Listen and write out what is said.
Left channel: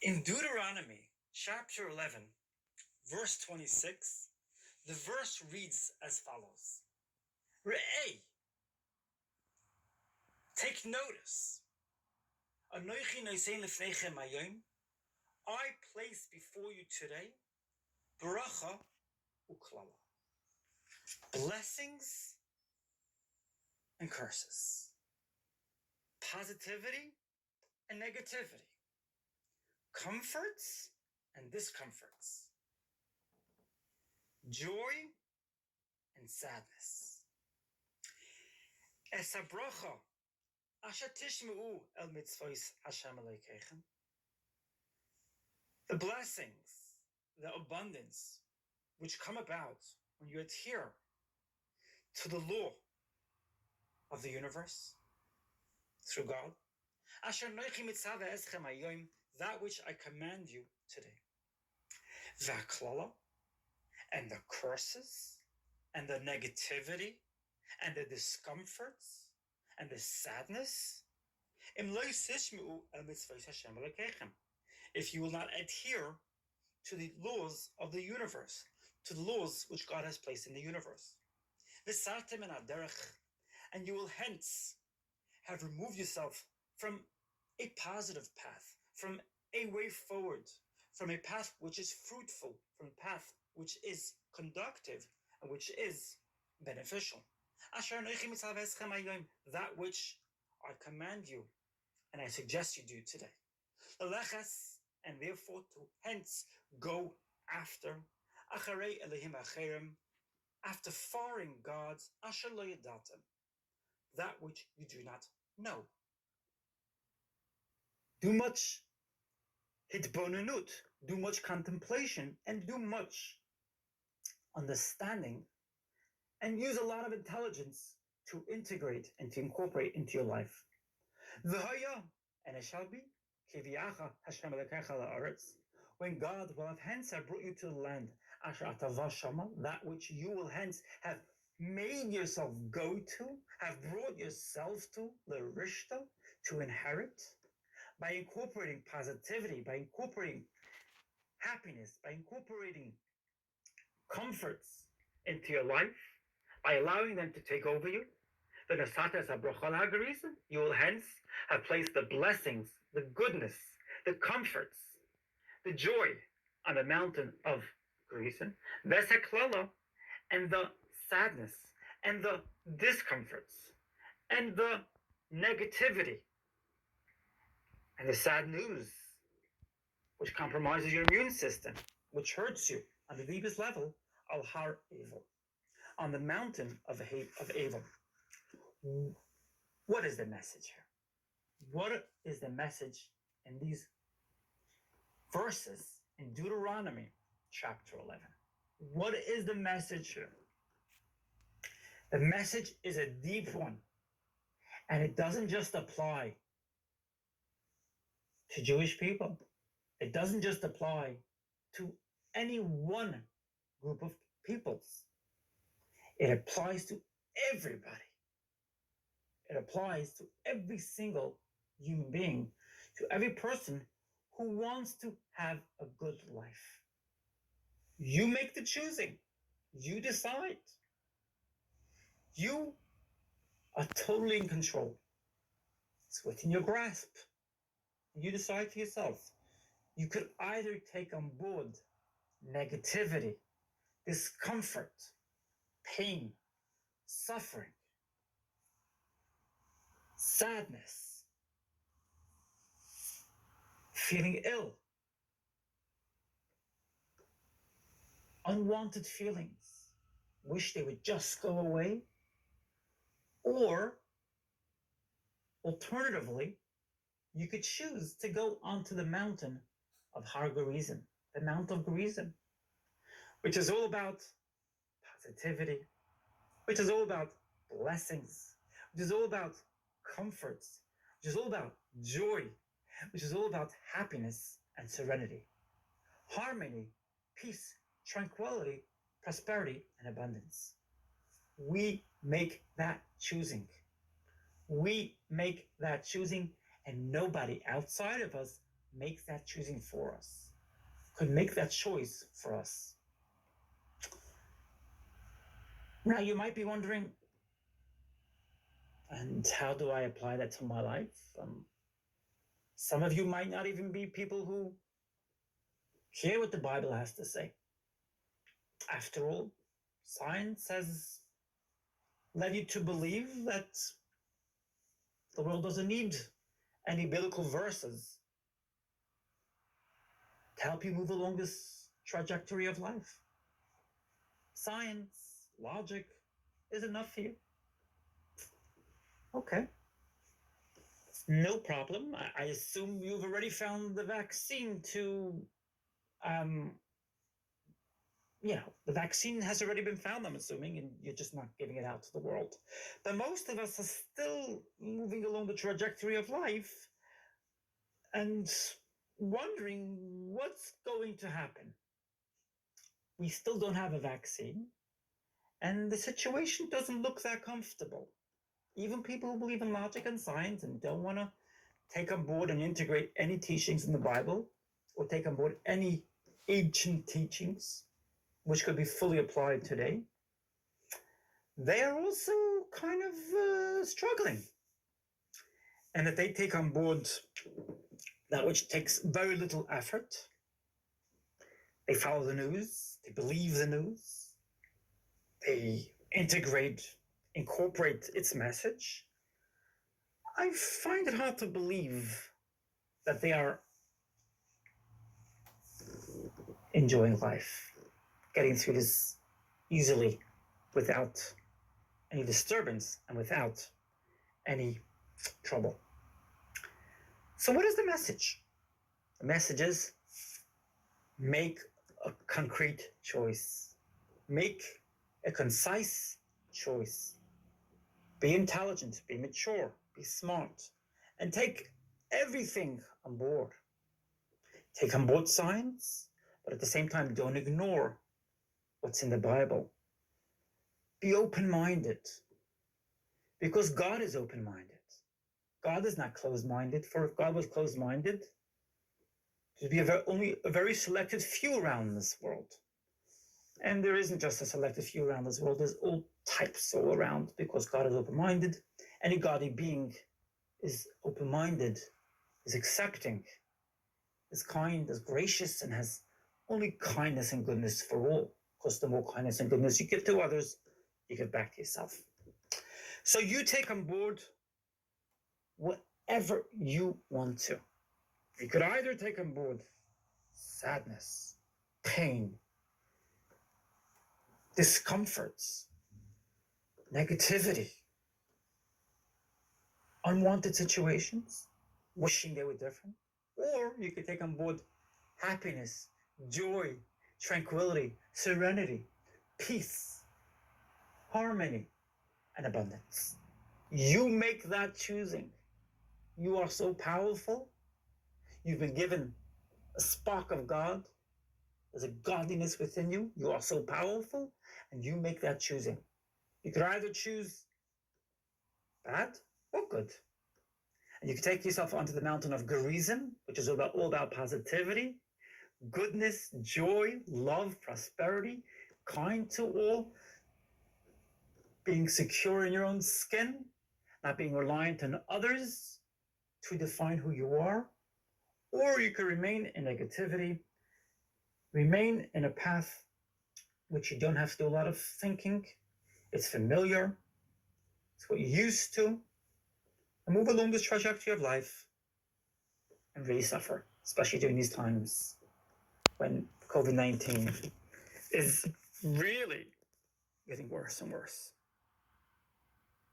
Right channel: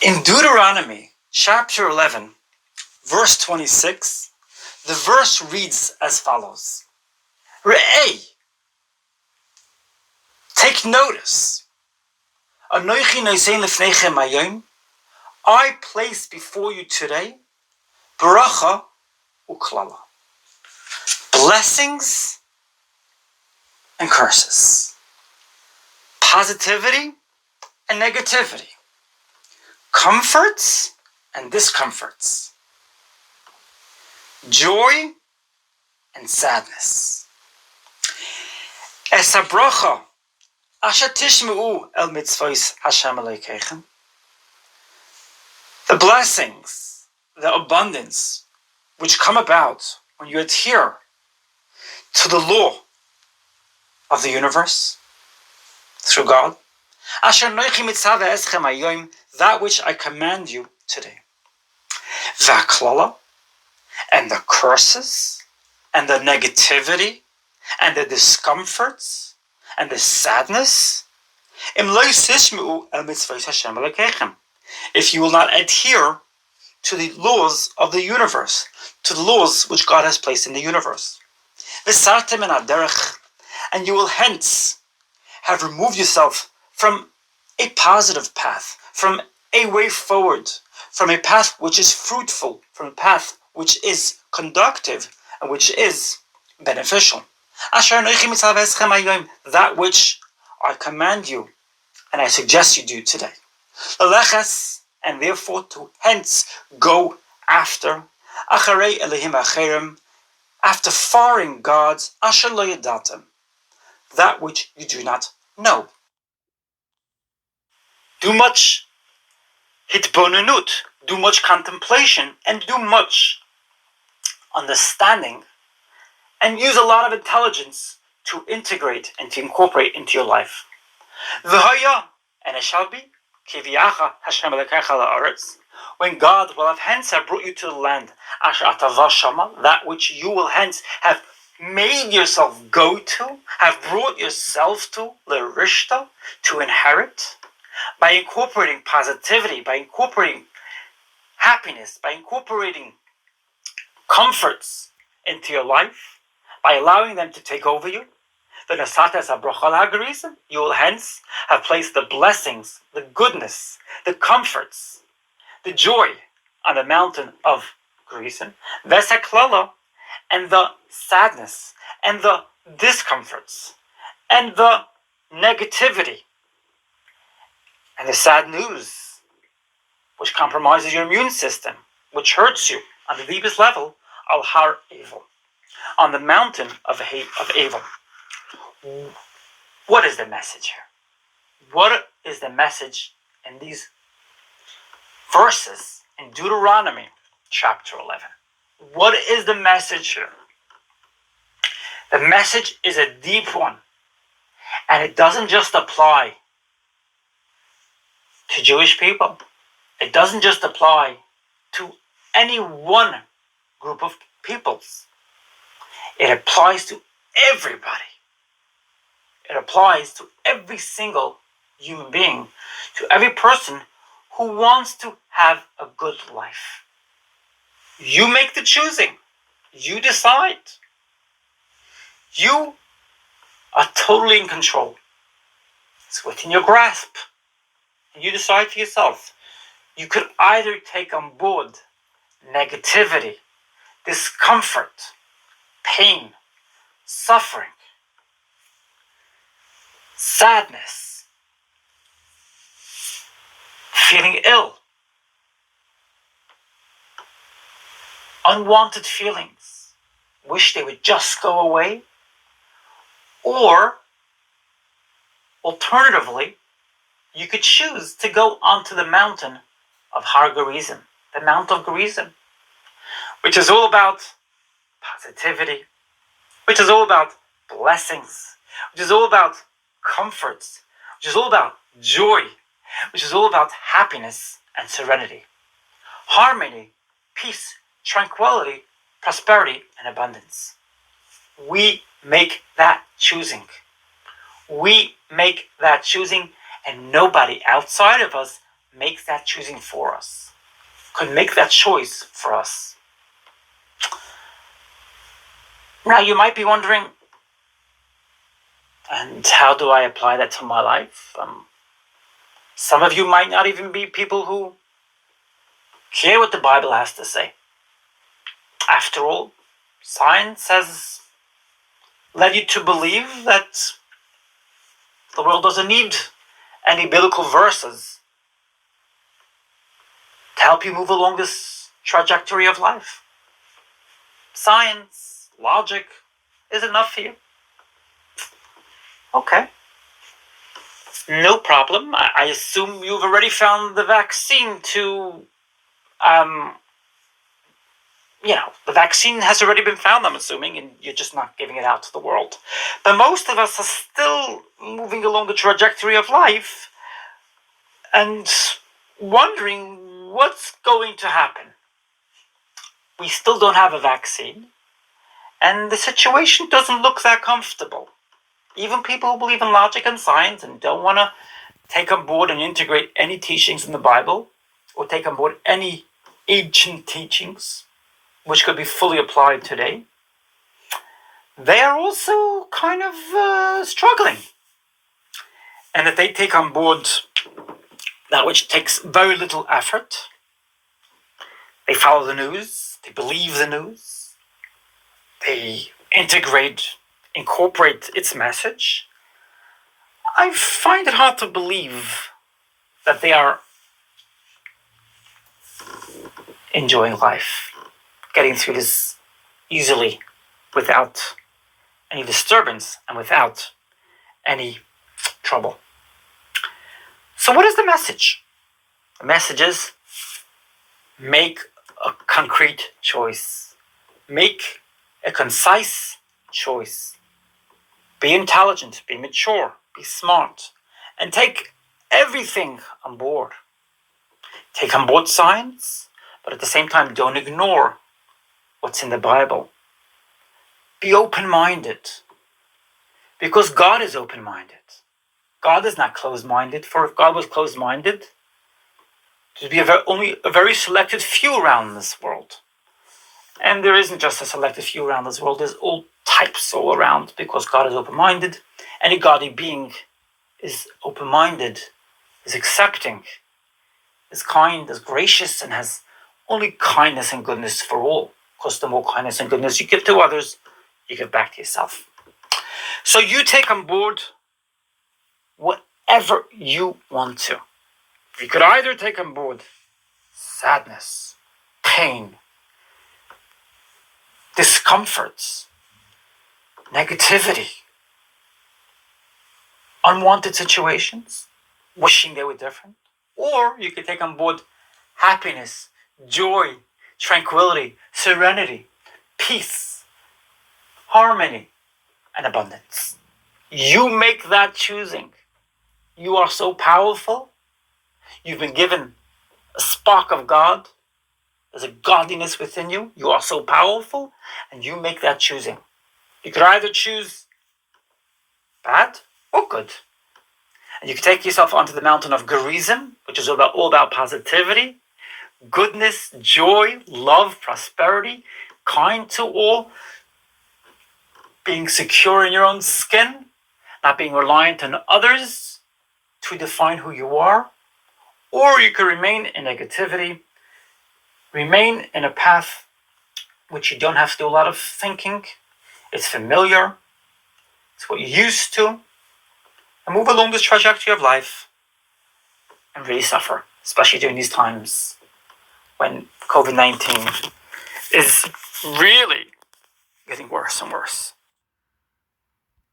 In Deuteronomy chapter 11, verse 26, the verse reads as follows. Re'ei, take notice. Anochi nosein lefnechem hayom, I place before you today bracha uklala, blessings and curses, positivity and negativity, comforts and discomforts, joy and sadness. Es habracha asher tishma'u el mitzvos Hashem Elokeichem. The blessings, the abundance, which come about when you adhere to the law of the universe through God. Asher nochi mitzvah eschem hayom, that which I command you today. V'aklala, and the curses, and the negativity, and the discomforts, and the sadness. Im lo tishma'u el mitzvos Hashem Elokeichem. If you will not adhere to the laws of the universe, to the laws which God has placed in the universe. V'sartem en haderech, and you will hence have removed yourself from a positive path, from a way forward, from a path which is fruitful, from a path which is conductive, and which is beneficial. That which I command you, and I suggest you do today. And therefore to hence go after acharei elihim acherim, after foreign gods, asher lo yadatem, that which you do not know. Do much hitbonenut, do much contemplation, and do much understanding, and use a lot of intelligence to integrate and to incorporate into your life. V'haya, and it shall be, kiviyacha Hashem Elokecha la'aretz, when God will have hence have brought you to the land, asher atava shama, that which you will hence have made yourself go to, have brought yourself to, l'rishta, to inherit, by incorporating positivity, by incorporating happiness, by incorporating comforts into your life, by allowing them to take over you. You will hence have placed the blessings, the goodness, the comforts, the joy on the mountain of Grizim, and the sadness, and the discomforts, and the negativity, and the sad news, which compromises your immune system, which hurts you on the deepest level, al har Abel, on the mountain of Abel. What is the message here? What is the message in these verses in Deuteronomy chapter 11? What is the message here? The message is a deep one, and it doesn't just apply to Jewish people. It doesn't just apply to any one group of peoples. It applies to everybody. It applies to every single human being, to every person who wants to have a good life. You make the choosing. You decide. You are totally in control. It's within your grasp. And you decide for yourself. You could either take on board negativity, discomfort, pain, suffering, sadness, feeling ill, unwanted feelings, wish they would just go away, or alternatively, you could choose to go onto the mountain of Har Grizim, the Mount of Grizim, which is all about positivity, which is all about blessings, which is all about comforts, which is all about joy, which is all about happiness and serenity, harmony, peace, tranquility, prosperity, and abundance. We make that choosing. We make that choosing, and nobody outside of us make that choosing for us, could make that choice for us. Now you might be wondering, and how do I apply that to my life? Some of you might not even be people who care what the Bible has to say. After all, science has led you to believe that the world doesn't need any biblical verses to help you move along this trajectory of life. Science, logic is enough for you. Okay. No problem. I assume you've already found the vaccine to, the vaccine has already been found, I'm assuming, and you're just not giving it out to the world. But most of us are still moving along the trajectory of life and wondering what's going to happen. We still don't have a vaccine, and the situation doesn't look that comfortable. Even people who believe in logic and science and don't want to take on board and integrate any teachings in the Bible or take on board any ancient teachings which could be fully applied today, they are also kind of struggling. And that they take on board that which takes very little effort. They follow the news, they believe the news, they incorporate its message. I find it hard to believe that they are enjoying life, getting through this easily without any disturbance and without any trouble. So what is the message? The message is make a concrete choice. Make a concise choice. Be intelligent, be mature, be smart, and take everything on board. Take on board science, but at the same time, don't ignore what's in the Bible. Be open-minded, because God is open-minded. God is not closed-minded, for if God was closed-minded, there'd be only a very selected few around this world. And there isn't just a selected few around this world, there's all types all around, because God is open-minded. Any godly being is open-minded, is accepting, is kind, is gracious, and has only kindness and goodness for all. Because the more kindness and goodness you give to others, you give back to yourself. So you take on board whatever you want to. You could either take on board sadness, pain, discomforts, negativity, unwanted situations, wishing they were different. Or you could take on board happiness, joy, tranquility, serenity, peace, harmony, and abundance. You make that choosing. You are so powerful. You've been given a spark of God. There's a godliness within you. You are so powerful, and you make that choosing. You could either choose bad or good. And you can take yourself onto the mountain of Grizim, which is all about positivity, goodness, joy, love, prosperity, kind to all, being secure in your own skin, not being reliant on others to define who you are. Or you could remain in negativity, remain in a path which you don't have to do a lot of thinking. It's familiar. It's what you're used to. And move along this trajectory of life and really suffer, especially during these times when COVID-19 is really getting worse and worse.